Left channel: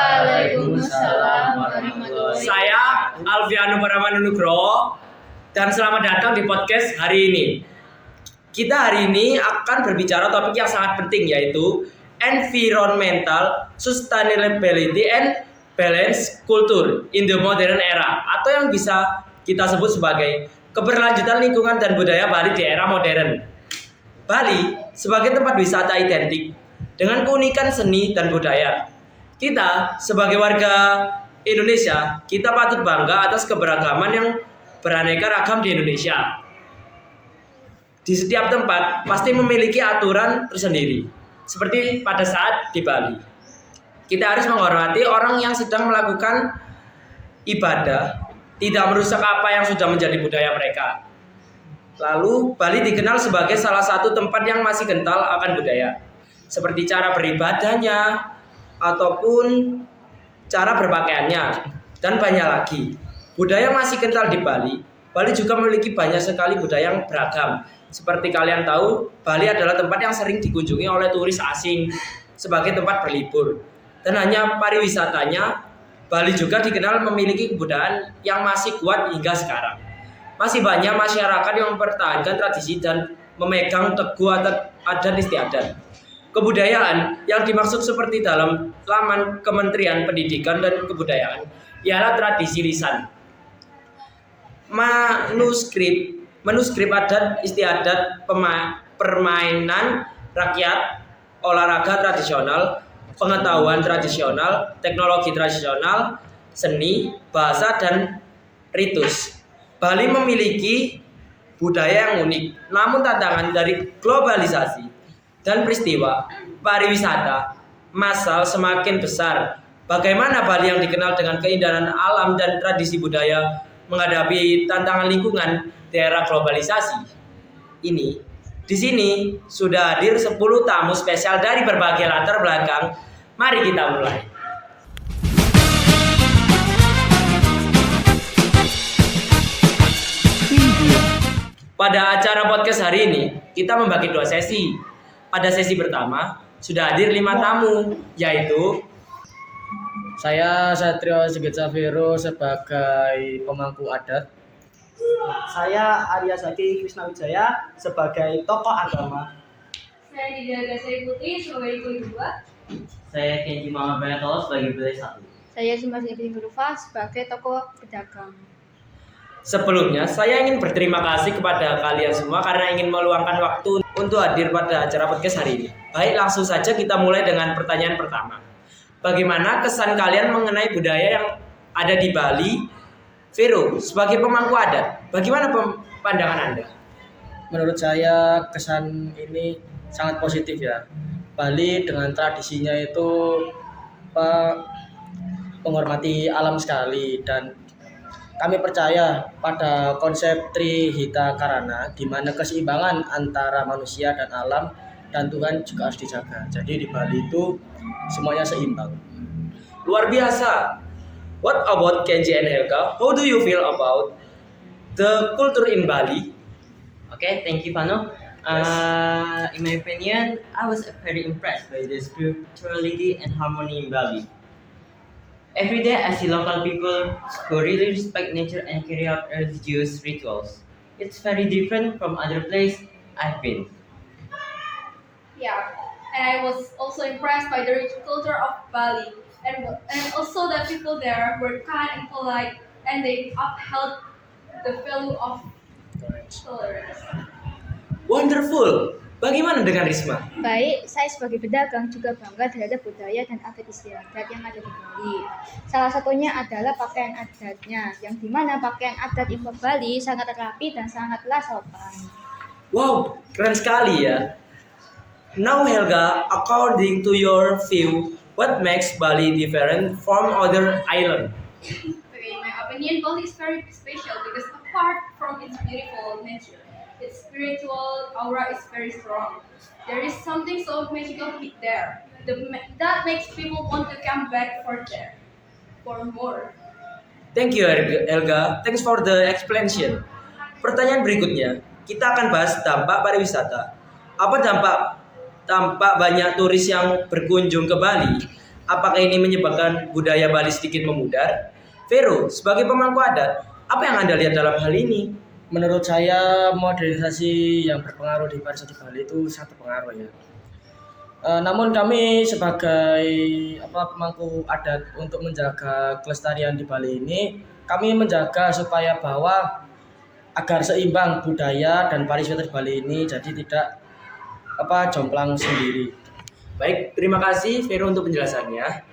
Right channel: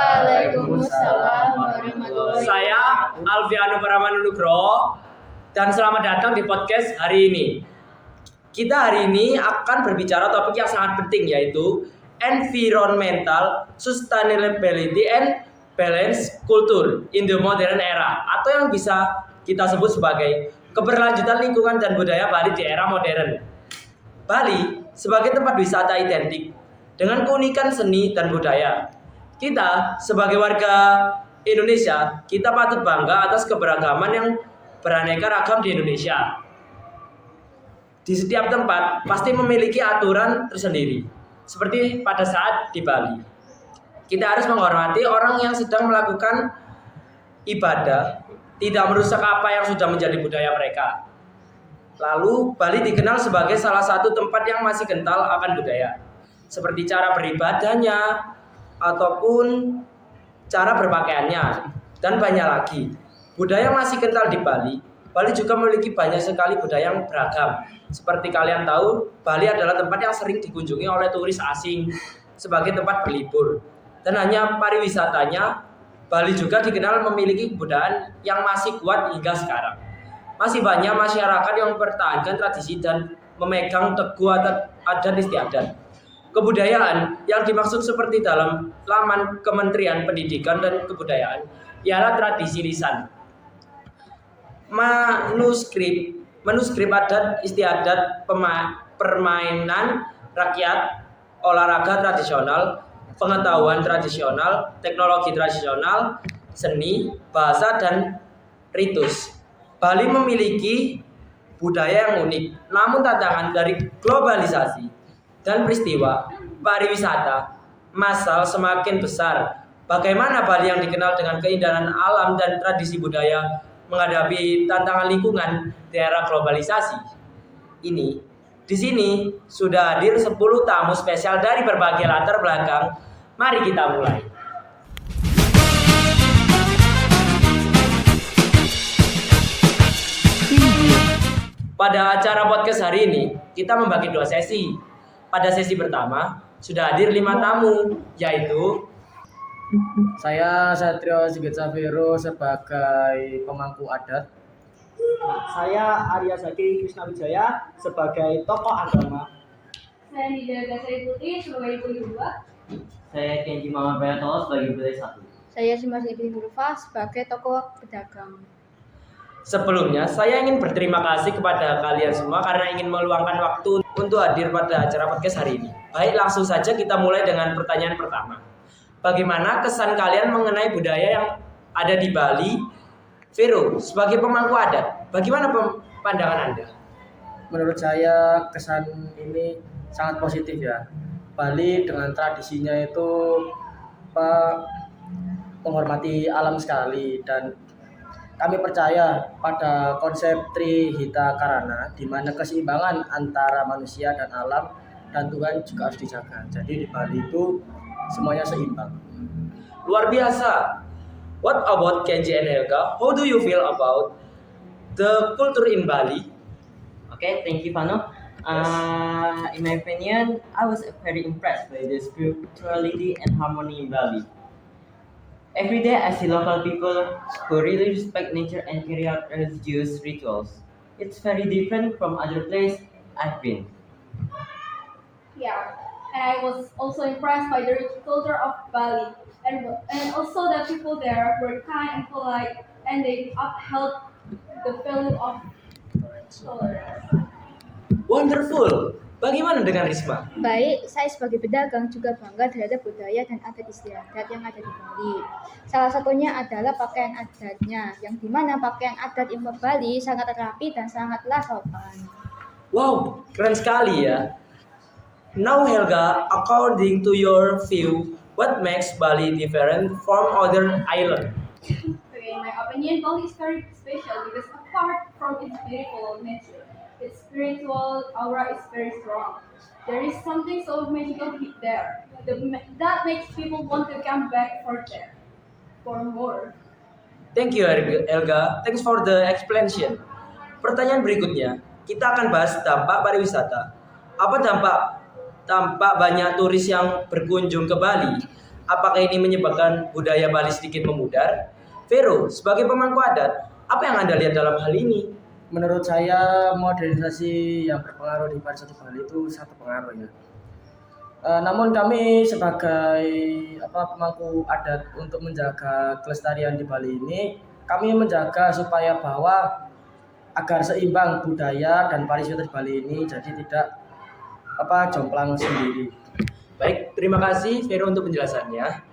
Waalaikumsalam warahmatullahi Saya Alfiano Paramanunugro dan selamat datang di podcast hari ini. Kita hari ini akan berbicara topik yang sangat penting, yaitu environmental sustainability and balance culture in the modern era, atau yang bisa kita sebut sebagai keberlanjutan lingkungan dan budaya Bali di era modern. Bali sebagai tempat wisata identik dengan keunikan seni dan budaya. Kita sebagai warga Indonesia, kita patut bangga atas keberagaman yang beraneka ragam di Indonesia. Di setiap tempat pasti memiliki aturan tersendiri, seperti pada saat di Bali. Kita harus menghormati orang yang sedang melakukan ibadah, tidak merusak apa yang sudah menjadi budaya mereka. Lalu, Bali dikenal sebagai salah satu tempat yang masih kental akan budaya, seperti cara beribadahnya, ataupun cara berpakaiannya, dan banyak lagi. Budaya masih kental di Bali. Bali juga memiliki banyak sekali budaya yang beragam. Seperti kalian tahu, Bali adalah tempat yang sering dikunjungi oleh turis asing sebagai tempat berlibur. Dan hanya pariwisatanya, Bali juga dikenal memiliki kebudayaan yang masih kuat hingga sekarang. Masih banyak masyarakat yang mempertahankan tradisi dan memegang teguh adat istiadat. Kebudayaan yang dimaksud seperti dalam laman Kementerian Pendidikan dan Kebudayaan ialah tradisi lisan, manuskrip adat istiadat, permainan rakyat, olahraga tradisional, pengetahuan tradisional, teknologi tradisional, seni, bahasa, dan ritus. Bali memiliki budaya yang unik, namun tantangan dari globalisasi dan peristiwa pariwisata massal semakin besar. Bagaimana Bali yang dikenal dengan keindahan alam dan tradisi budaya menghadapi tantangan lingkungan di era globalisasi ini? Di sini sudah hadir 10 tamu spesial dari berbagai latar belakang. Mari kita mulai. Pada acara podcast hari ini, kita membagi 2 sesi. Pada sesi pertama, sudah hadir 5 tamu, yaitu Saya Satrio Sigit Safiro sebagai pemangku adat. Saya Arya Zaki Krisnawijaya sebagai tokoh agama. Saya Nidia Gasai Putri sebagai ibu kedua. Saya Kenji Mama Bayatolo sebagai Bule 1. Saya Sumarsi Hurufa sebagai tokoh pedagang. Sebelumnya, saya ingin berterima kasih kepada kalian semua karena ingin meluangkan waktu untuk hadir pada acara podcast hari ini. Baik, langsung saja kita mulai dengan pertanyaan pertama. Bagaimana kesan kalian mengenai budaya yang ada di Bali? Vero, sebagai pemangku adat, bagaimana pandangan Anda? Menurut saya kesan ini sangat positif ya. Bali dengan tradisinya itu menghormati alam sekali, dan kami percaya pada konsep Trihita Karana, di mana keseimbangan antara manusia dan alam dan Tuhan juga harus dijaga. Jadi di Bali itu semuanya seimbang. Luar biasa. What about Kenji and Helga? How do you feel about the culture in Bali? Okay, thank you, Pano. In my opinion, I was very impressed by the spirituality and harmony in Bali. Every day, I see local people who really respect nature and carry out religious rituals. It's very different from other places I've been. Yeah, and I was also impressed by the rich culture of Bali, and also the people there were kind and polite, and they upheld the value of tolerance. Wonderful. Bagaimana dengan Risma? Baik, saya sebagai pedagang juga bangga terhadap budaya dan adat istiadat yang ada di Bali. Salah satunya adalah pakaian adatnya, yang dimana pakaian adat Imam Bali sangat rapi dan sangatlah sopan. Wow, keren sekali ya. Now Helga, according to your view, what makes Bali different from other islands? Okay, in my opinion, Bali is very special because apart from its beautiful nature, its spiritual aura is very strong. There is something so magical there that makes people want to come back for more. Thank you Helga, thanks for the explanation. Pertanyaan berikutnya, kita akan bahas dampak pariwisata. Apa dampak banyak turis yang berkunjung ke Bali? Apakah ini menyebabkan budaya Bali sedikit memudar? Vero, sebagai pemangku adat, apa yang Anda lihat dalam hal ini? Menurut saya modernisasi yang berpengaruh di pariwisata Bali itu sangat berpengaruh ya. Namun kami sebagai pemangku adat untuk menjaga kelestarian di Bali ini, kami menjaga supaya bahwa agar seimbang budaya dan pariwisata di Bali ini jadi tidak jomplang sendiri. Baik, terima kasih Vero untuk penjelasannya.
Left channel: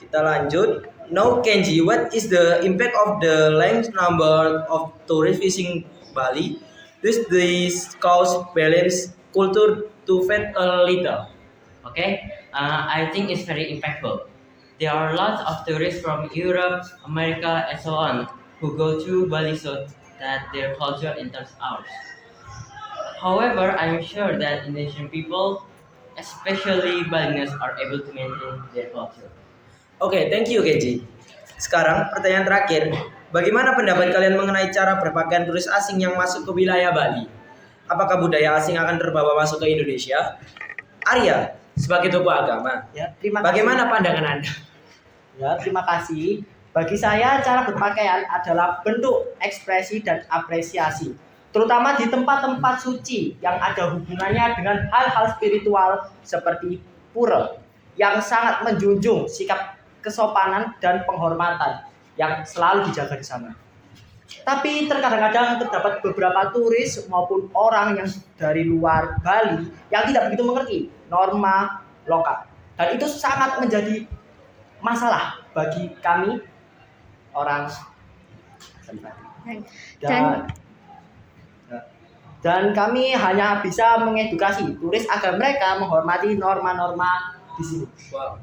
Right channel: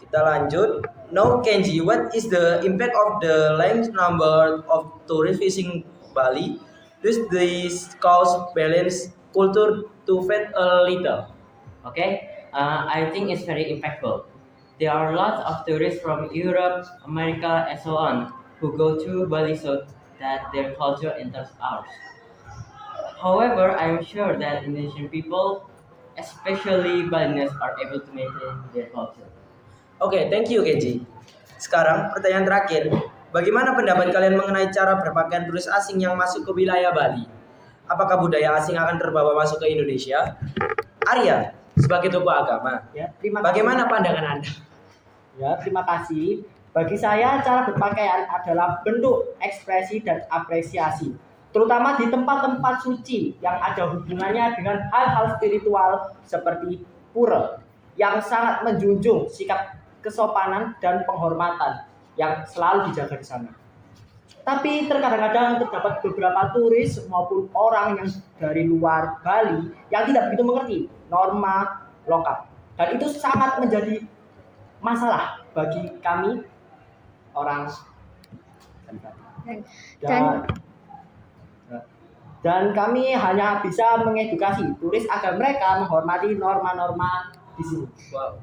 Kita lanjut. Now Kenji, what is the impact of the large number of tourists visiting Bali? Does this cause balance culture to fade a little? Okay, I think it's very impactful. There are lots of tourists from Europe, America, and so on who go to Bali so that their culture enters ours. However, I'm sure that Indonesian people, especially Balinese, are able to maintain their culture. Oke, thank you Kenji. Sekarang pertanyaan terakhir. Bagaimana pendapat kalian mengenai cara berpakaian turis asing yang masuk ke wilayah Bali? Apakah budaya asing akan terbawa masuk ke Indonesia? Arya, sebagai tokoh agama, Ya, terima kasih. bagaimana pandangan Anda? Ya, terima kasih. Bagi saya, cara berpakaian adalah bentuk ekspresi dan apresiasi, terutama di tempat-tempat suci yang ada hubungannya dengan hal-hal spiritual seperti pura, yang sangat menjunjung sikap kesopanan dan penghormatan yang selalu dijaga di sana. Tapi terkadang-kadang terdapat beberapa turis maupun orang yang dari luar Bali yang tidak begitu mengerti norma lokal, dan itu sangat menjadi masalah bagi kami orang dan kami hanya bisa mengedukasi turis agar mereka menghormati norma-norma di sini. Wow.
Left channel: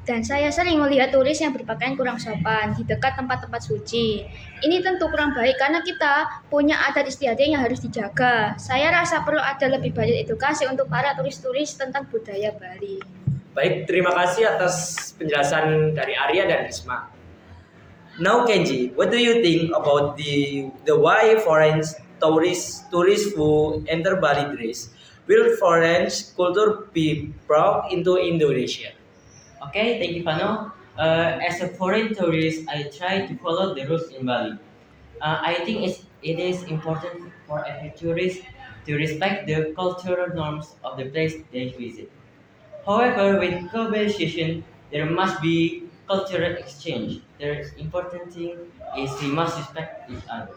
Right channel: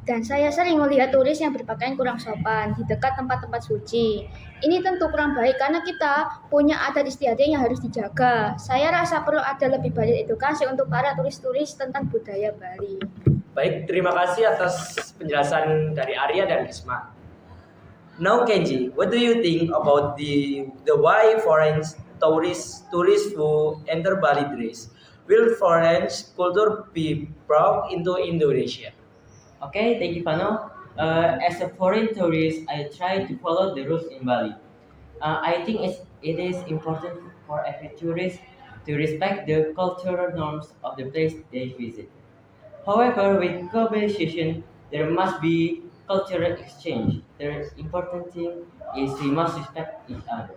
Dan saya sering melihat turis yang berpakaian kurang sopan di dekat tempat-tempat suci. Ini tentu kurang baik karena kita punya adat istiadat yang harus dijaga. Saya rasa perlu ada lebih banyak edukasi untuk para turis-turis tentang budaya Bali. Baik, terima kasih atas penjelasan dari Arya dan Risma. Now Kenji, what do you think about the why foreign tourists who enter Bali dress? Will foreign culture be brought into Indonesia? Okay, thank you, Pano. As a foreign tourist, I try to follow the rules in Bali. I think it is important for every tourist to respect the cultural norms of the place they visit. However, with globalization, there must be cultural exchange. The important thing is we must respect each other.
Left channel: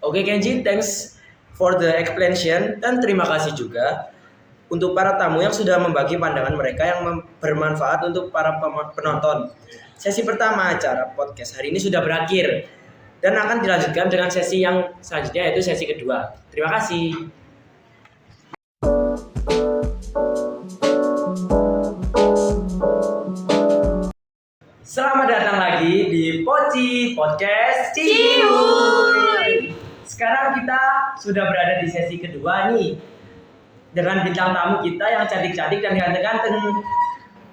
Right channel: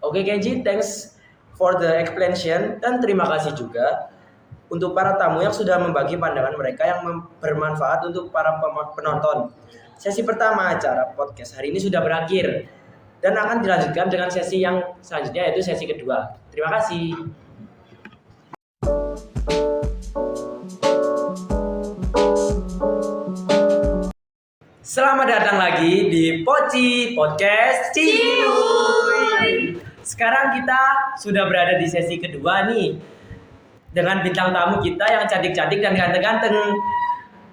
Oke Kenji, thanks for the explanation dan terima kasih juga untuk para tamu yang sudah membagi pandangan mereka yang bermanfaat untuk para penonton. Sesi pertama acara podcast hari ini sudah berakhir dan akan dilanjutkan dengan sesi yang selanjutnya yaitu sesi kedua. Terima kasih. Selamat datang lagi di Poci Podcast Cihuy. Sekarang kita sudah berada di sesi kedua nih dengan bintang tamu kita yang cantik-cantik dan ganteng-ganteng.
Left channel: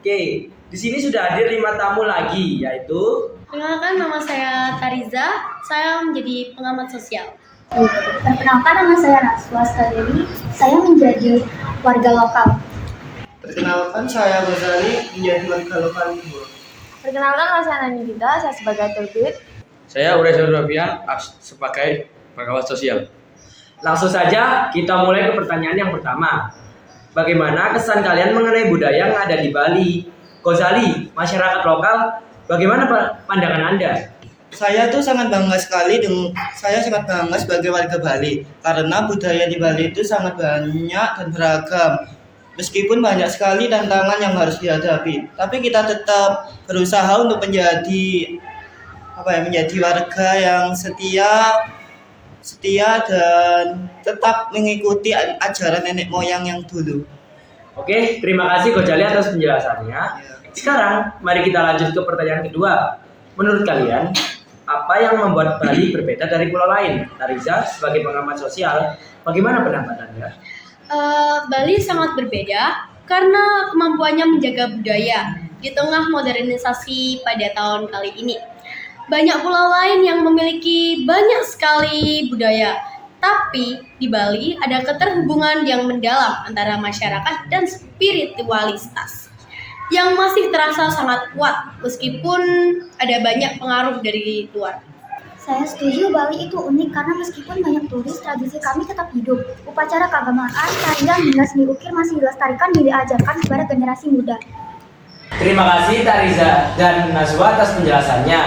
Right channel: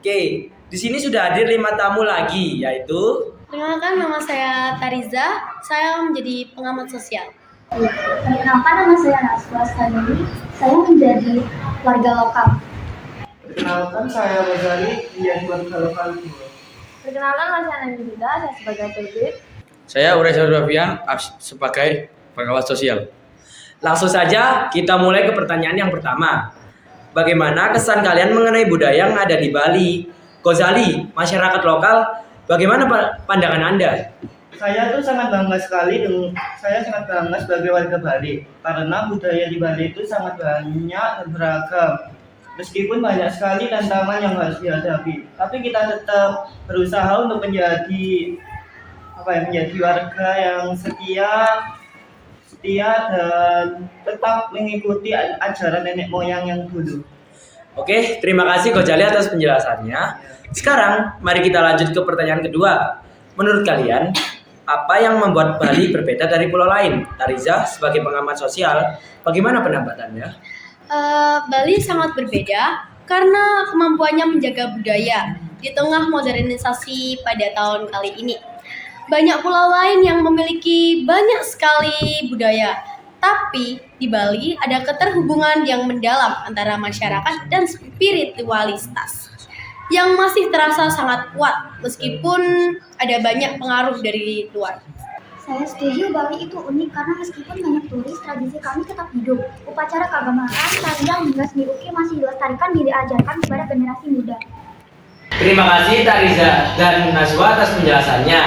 Oke, di sini sudah hadir 5 tamu lagi, yaitu Perkenalkan, nama saya Tariza. Saya menjadi pengamat sosial. Perkenalkan, nama saya Naswa. Sekali ini saya menjadi warga lokal. Perkenalkan, saya Ghazali, menjadi warga lokal. Perkenalkan, nama saya Nani Dinda, saya sebagai turbid. Saya Uraisyah Rafian sebagai pengawas sosial. langsung saja kita mulai ke pertanyaan yang pertama. Bagaimana kesan kalian mengenai budaya yang ada di Bali? Ghazali, masyarakat lokal, bagaimana pandangan Anda? Saya tuh sangat bangga sekali saya sangat bangga sebagai warga Bali karena budaya di Bali itu sangat banyak dan beragam. Meskipun banyak sekali tantangan yang harus dihadapi, tapi kita tetap berusaha untuk menjadi warga yang setia dan tetap mengikuti ajaran nenek moyang yang dulu. Oke, terima kasih Ghazali atas penjelasannya. Sekarang mari kita lanjut ke pertanyaan kedua. Menurut kalian, apa yang membuat Bali berbeda dari pulau lain? Tariza, sebagai pengamat sosial, bagaimana pendapat Anda? Bali sangat berbeda karena kemampuannya menjaga budaya di tengah modernisasi pada tahun kali ini. Banyak pulau lain yang memiliki banyak sekali budaya, tapi di Bali ada keterhubungan yang mendalam antara masyarakat dan spiritualitas. yang masih terasa sangat kuat meskipun ada banyak pengaruh dari luar. Saya setuju, Bali itu unik karena meskipun banyak turis, tradisi kami tetap hidup. Upacara keagamaan, tarian hingga seni ukir masih dilestarikan dan diajarkan kepada generasi muda. Terima kasih Tariza dan Najwa atas penjelasannya.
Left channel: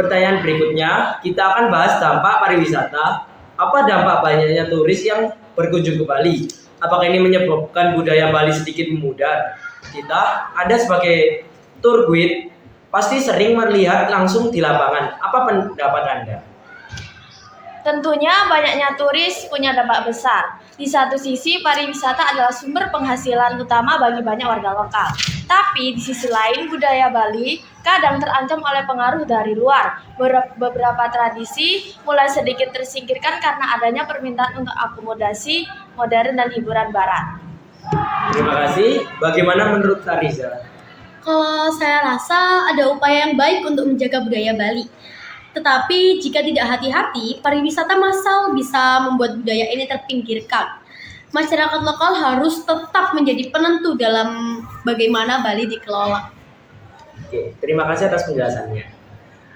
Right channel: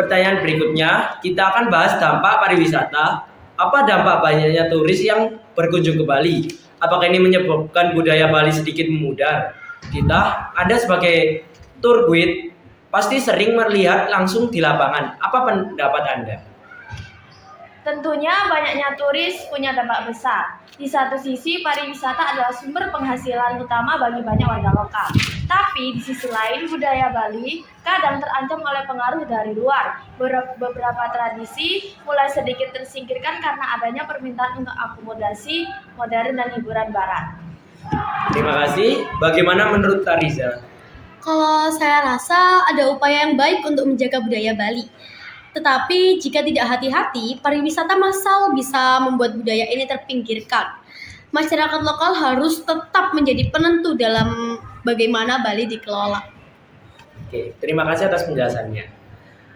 Pertanyaan berikutnya, kita akan bahas dampak pariwisata. Apa dampak banyaknya turis yang berkunjung ke Bali? Apakah ini menyebabkan budaya Bali sedikit memudar? Anda sebagai tour guide pasti sering melihat langsung di lapangan. Apa pendapat Anda? Tentunya banyaknya turis punya dampak besar. Di satu sisi, pariwisata adalah sumber penghasilan utama bagi banyak warga lokal. Tapi di sisi lain, budaya Bali kadang terancam oleh pengaruh dari luar. Beberapa tradisi mulai sedikit tersingkirkan karena adanya permintaan untuk akomodasi modern dan hiburan barat. Terima kasih. Bagaimana menurut Tariza? Kalau saya rasa ada upaya yang baik untuk menjaga budaya Bali. Tetapi jika tidak hati-hati, pariwisata massal bisa membuat budaya ini terpinggirkan. Masyarakat lokal harus tetap menjadi penentu dalam bagaimana Bali dikelola. Oke, terima kasih atas penjelasannya.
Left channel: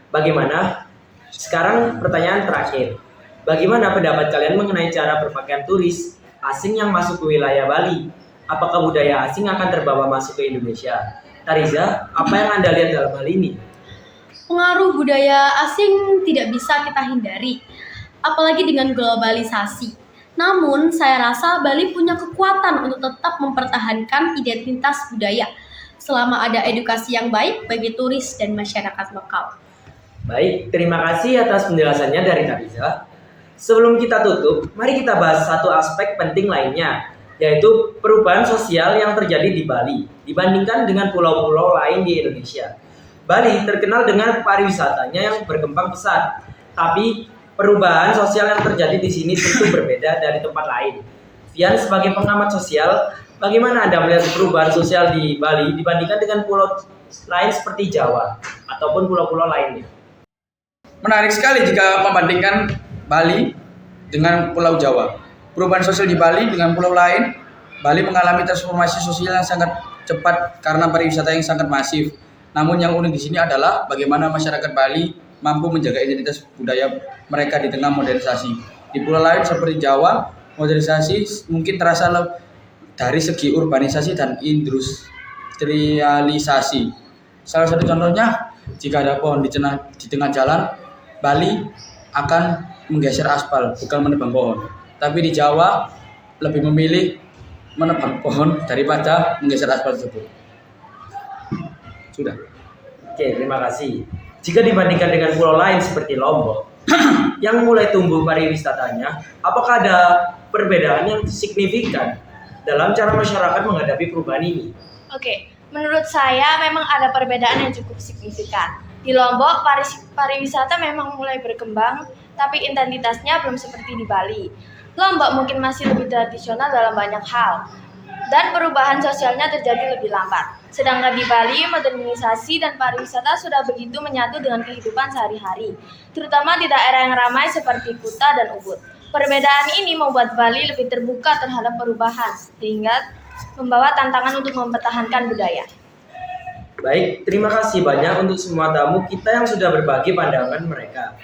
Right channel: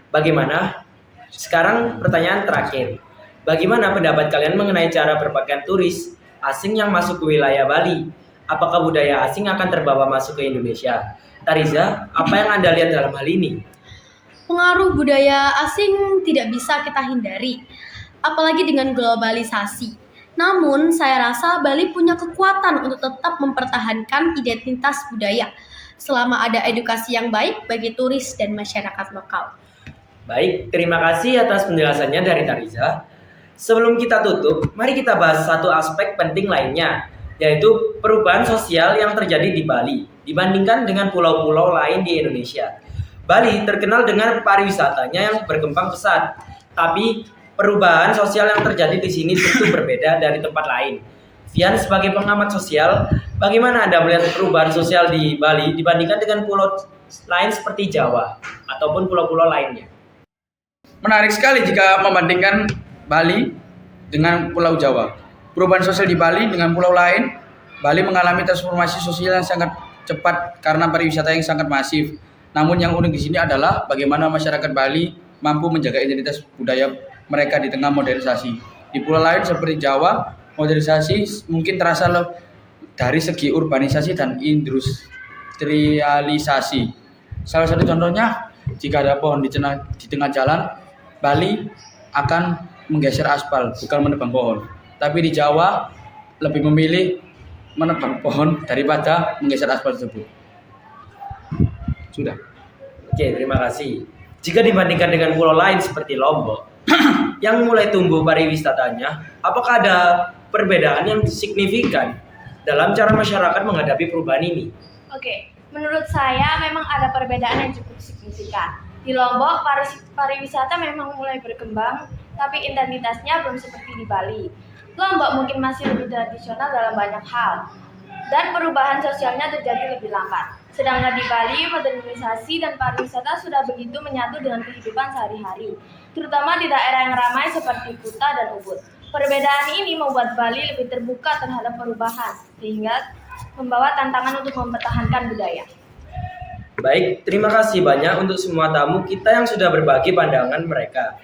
Bagaimana? Sekarang pertanyaan terakhir. Bagaimana pendapat kalian mengenai cara berpakaian turis asing yang masuk ke wilayah Bali? Apakah budaya asing akan terbawa masuk ke Indonesia? Tariza, apa yang Anda lihat dalam hal ini? Pengaruh budaya asing tidak bisa kita hindari, apalagi dengan globalisasi. Namun, saya rasa Bali punya kekuatan untuk tetap mempertahankan identitas budaya selama ada edukasi yang baik bagi turis dan masyarakat lokal. Baik, terima kasih atas penjelasannya dari Tariza. Sebelum kita tutup, mari kita bahas satu aspek penting lainnya, yaitu perubahan sosial yang terjadi di Bali dibandingkan dengan pulau-pulau lain di Indonesia. Bali terkenal dengan pariwisatanya yang berkembang pesat, tapi perubahan sosial yang terjadi di sini tentu berbeda dari tempat lain. Vian, sebagai pengamat sosial, bagaimana Anda melihat perubahan sosial di Bali dibandingkan dengan pulau lain seperti Jawa ataupun pulau-pulau lainnya? Menarik sekali jika membandingkan Bali dengan Pulau Jawa. Perubahan sosial di Bali dengan pulau lain, Bali mengalami transformasi sosial yang sangat cepat karena pariwisata yang sangat masif. Namun yang unik di sini adalah bagaimana masyarakat Bali mampu menjaga identitas budaya mereka di tengah modernisasi. Di pulau lain seperti Jawa, modernisasi mungkin terasa dari segi urbanisasi dan industrialisasi. Salah satu contohnya, jika ada pohon di tengah jalan, Bali akan menggeser aspal, bukan menebang pohon. Tapi di Jawa lebih memilih menebang pohon daripada menggeser aspal tersebut. Sudah. Oke, terima kasih. Jika dibandingkan dengan pulau lain seperti Lombok yang mulai tumbuh pariwisatanya, apakah ada perbedaan yang signifikan dalam cara masyarakat menghadapi perubahan ini? Oke, menurut saya memang ada perbedaan yang cukup signifikan. Di Lombok, pariwisata memang mulai berkembang, tapi intensitasnya belum seperti di Bali. Lombok mungkin masih lebih tradisional dalam banyak hal, dan perubahan sosialnya terjadi lebih lambat. Sedangkan di Bali, modernisasi dan pariwisata sudah begitu menyatu dengan kehidupan sehari-hari, terutama di daerah yang ramai seperti Kuta dan Ubud. Perbedaan ini membuat Bali lebih terbuka terhadap perubahan, sehingga membawa tantangan untuk mempertahankan budaya. Baik, terima kasih banyak untuk semua tamu kita yang sudah berbagi pandangan mereka.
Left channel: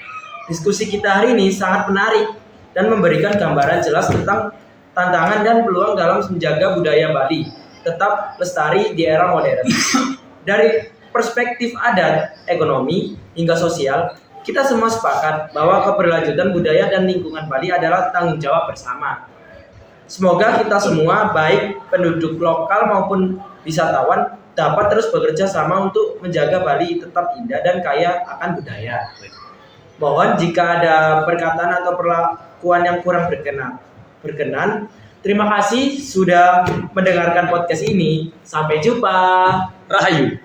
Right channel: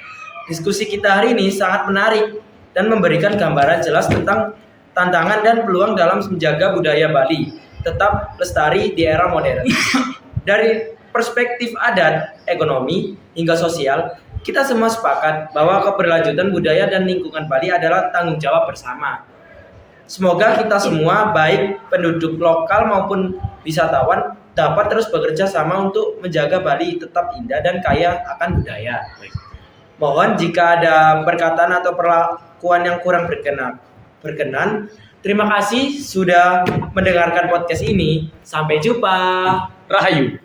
Diskusi kita hari ini sangat menarik dan memberikan gambaran jelas tentang tantangan dan peluang dalam menjaga budaya Bali tetap lestari di era modern. Dari perspektif adat, ekonomi, hingga sosial, kita semua sepakat bahwa keberlanjutan budaya dan lingkungan Bali adalah tanggung jawab bersama. Semoga kita semua, baik penduduk lokal maupun wisatawan, dapat terus bekerja sama untuk menjaga Bali tetap indah dan kaya akan budaya. Mohon jika ada perkataan atau perlakuan yang kurang berkenan. Terima kasih sudah mendengarkan podcast ini. Sampai jumpa. Rahayu.